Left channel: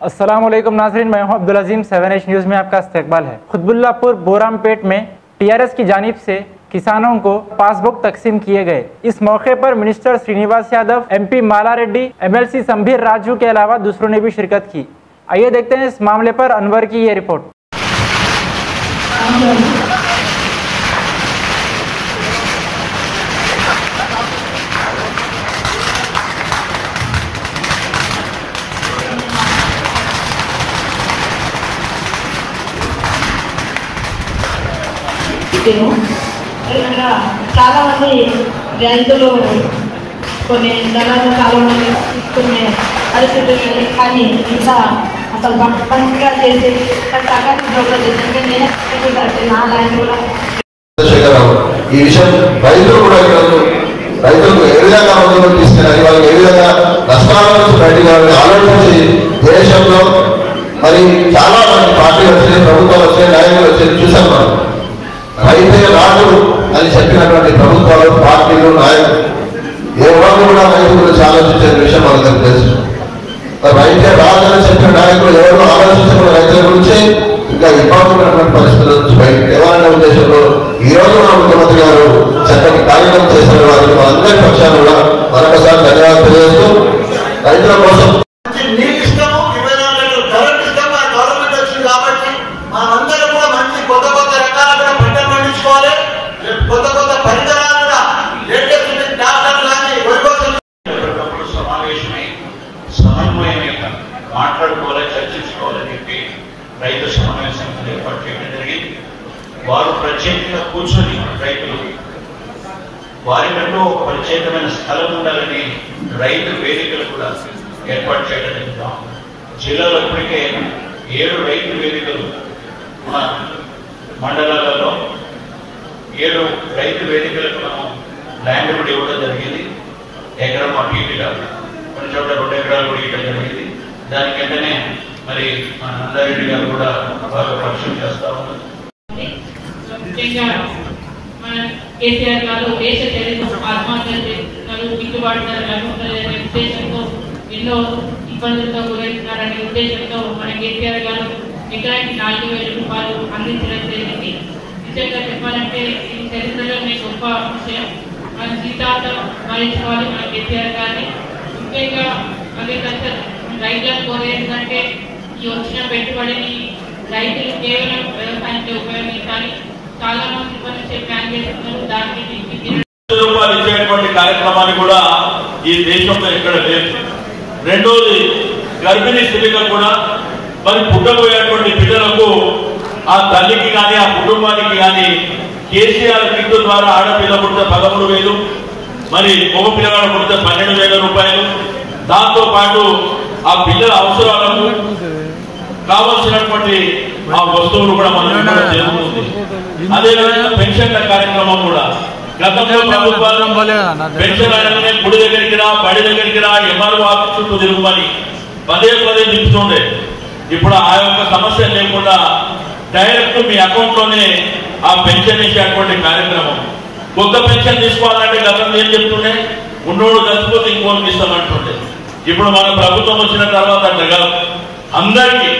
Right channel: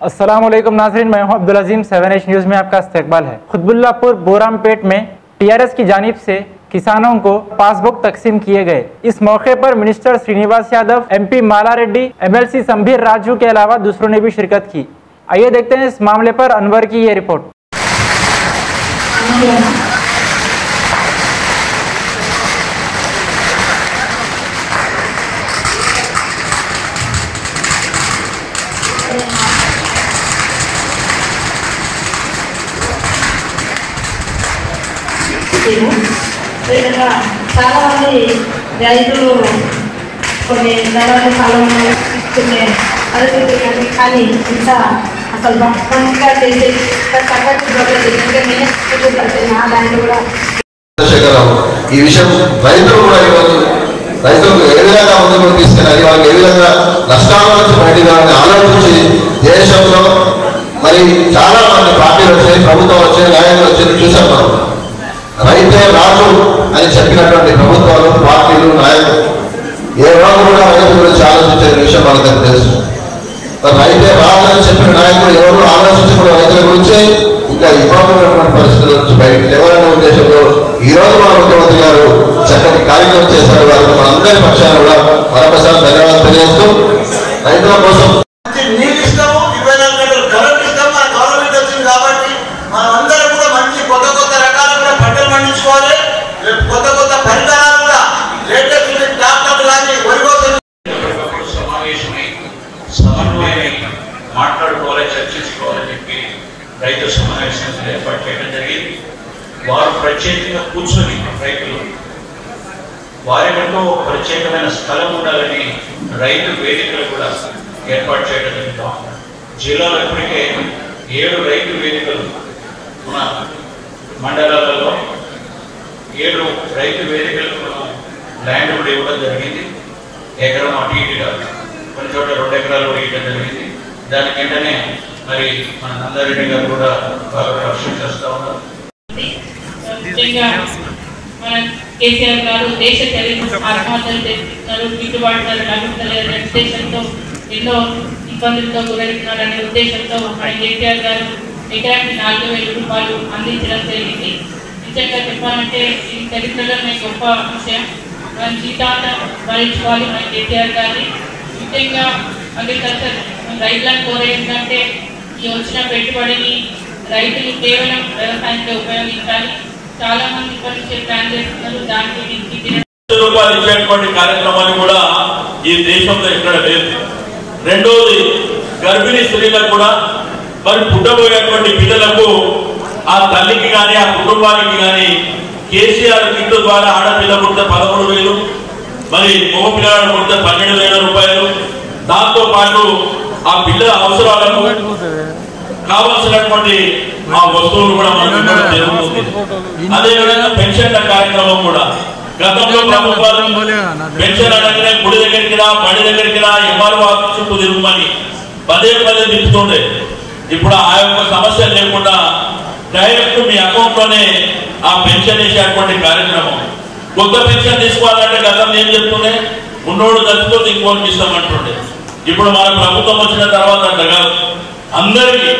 अस्सलामुअलैकुम नाज़रीन, मैं हूं अब्दुल अजीम। 7H न्यूज़ में आपका इस्तकबाल है। खुतबुल्लापुर बोरामपेट में टीआरएस की जानिब से किसानों को पासबुक तकसीम किए गए। इस मौके पर मिनिस्टर श्रीनिवास यादव, MP माला रेड्डी, MLC संभीर राजू के अलावा दूसरों ने भी शिरकत की। आइए देखते हैं इस मामले पर अनवर की ये रिपोर्ट। చాలా మంది రైతులు కొన్ని ధరలు కాలంలో తీసుకునే పరిస్థితులు, కానీ ఇంకా అసలు మంచిగా చేసేది నా ల్యాండ్ కూడా ఈ విషయం రైతులు కూడా రైతులకు ఏ విధంగా ముందుకు తీసుకెళ్ళాలి, వాళ్ళకి ఏ విధంగా నష్టాల నుంచి బయటకు ఆలోచించి దేశంలో మరి చాలా మంది పార్టీలు వచ్చాయి, ప్రభుత్వాలు వచ్చాయి, నాయకులు వచ్చాయి చూసాం. రైతే రాజు అని చెప్పినటువంటి ప్రభుత్వాలు, పార్టీలు, నాయకులు ఏ వాళ్ళు కూడా రైతు గురించి ఆలోచించే విషయం మనకు తెలుసు. రైతే రాజు అని చెప్పిన నాయకులు ఎవరు ఆలోచించుకున్న రైతుల గురించి ఇంకా ఇబ్బందున్నటువంటి పరిస్థితుల నుంచి బయటకు ఎవరనే ఉద్దేశంలో ఈ రోజు మన ముఖ్యమంత్రి గారు చక్కటి కార్యక్రమం చేశారు. వారికి మనందరి పక్షాన కూడా మరొకసారి ధన్యవాదాలు తెలియజేస్తూ రైతుల కోసం నీళ్ళు ఇస్తాము, 24 గంటలు కరెంట్ ఇస్తాము. ఆ గవర్నమెంట్ వచ్చింది కాబట్టి మనం అందరం కూడా మంచి కొత్త కొత్త రకాలుగా పంటలు పండించుకోవాలి. కొత్త కొత్త పరికరాలుగా లేటెస్ట్ ట్రాక్టర్లు కానీ మాట్లాడుకోవాలి, చర్చించుకోవాలని చెప్పి రైతు సమావేశం ఏర్పాటు చేయడం జరిగింది. వారు ప్రత్యేకంగా కూర్చొని రైతులు వారికంటూ ప్రత్యేకమైన స్థలం ఉండాలని రైతు వేదికలు కూడా ఏర్పాటు చేయడం జరిగింది. జిల్లాలో ఇప్పటికే 7 రైతు వేదికలు మన మండలాలలో 7 రైతు వేదికలకు మనం ల్యాండ్ కూడా ఇవ్వడం జరిగింది. ఎకరం అటు ఇటుగా కొన్ని చోట్ల 2 ఎకరాలు కూడా ఇవ్వడం జరిగింది. దాని వెంటనే మరి మన నందారెడ్డి గారు కూడా బాగా పరిశీలన చేస్తూ ఉన్నారు. కేసీఆర్ గారు దేశ చరిత్ర ఆత్మహత్యలు చేస్తున్నారు, గిట్టుబాటు ధరలు అందుతలేదనే ఉద్దేశంతో, ఎన్నో ఇబ్బందులతో గురవుతున్నారనే ఉద్దేశంతో కేసీఆర్ గారు ఎకరానికి 4,000 రూపాయలు అందించడం జరిగింది. నిజంగా చెప్పాలంటే ఇది చరిత్రలోనే గొప్ప విషయం. మన జీతాలు భరించుకోవాలి మన కేసీఆర్ గారిని. ముఖ్యంగా అగ్రికల్చర్ రైతులను కోరేంటంటే ఈ వచ్చిన పెట్టుబడిని రైతులు కేవలం వ్యవసాయంలో ఉపయోగించాలి. చాలా మంది వచ్చే ప్లాన్ చేస్తున్నారు, దానికి రూపాయలు ఇచ్చేటువంటి కార్యక్రమాన్ని కూడా ఈ దేశంలో ఎక్కడ లేదు. రెండోది, గర్భిణీ స్త్రీలకు కూడా మరి పుట్టబోయేటువంటి పిల్లలకు ఆ తల్లికి కానీ ఆ కుటుంబానికి కానీ కేసీఆర్ కిట్ ద్వారా ఆడపిల్ల పుట్టిన 13,000, మరి మగ పిల్లలు పుట్టిన 12,000 రూపాయలు. దాంతో పాటు ఆ పిల్లల అవసరాలకు కావలసినటువంటి ఆ వస్తువులు కూడా మనం జరుగుతుంది. అదేవిధంగా పెన్షన్ల కార్యక్రమం కూడా పెన్షన్ అడగనే గుడి దగ్గరికి రా, బడి దగ్గరికి రా, ఎంఆర్ఓ చుట్టూ తిరుగుమని పదే తిప్పుతుండే. ఇప్పుడు ఆ యొక్క సమస్య లేకుండా డైరెక్ట్ మీ అకౌంట్ లోనే ఆ పెన్షన్ వేసేటువంటి కార్యక్రమం. కొత్త పెన్షన్ తీసుకోవాలంటే గతంలో ఏం చెప్తుండే, ఉన్నోడు చచ్చిపోతే ఇంకోటి ఇస్తామంటుండే. ఇప్పుడు మన ప్రభుత్వం వచ్చిన తర్వాత అంతగా అందరికీ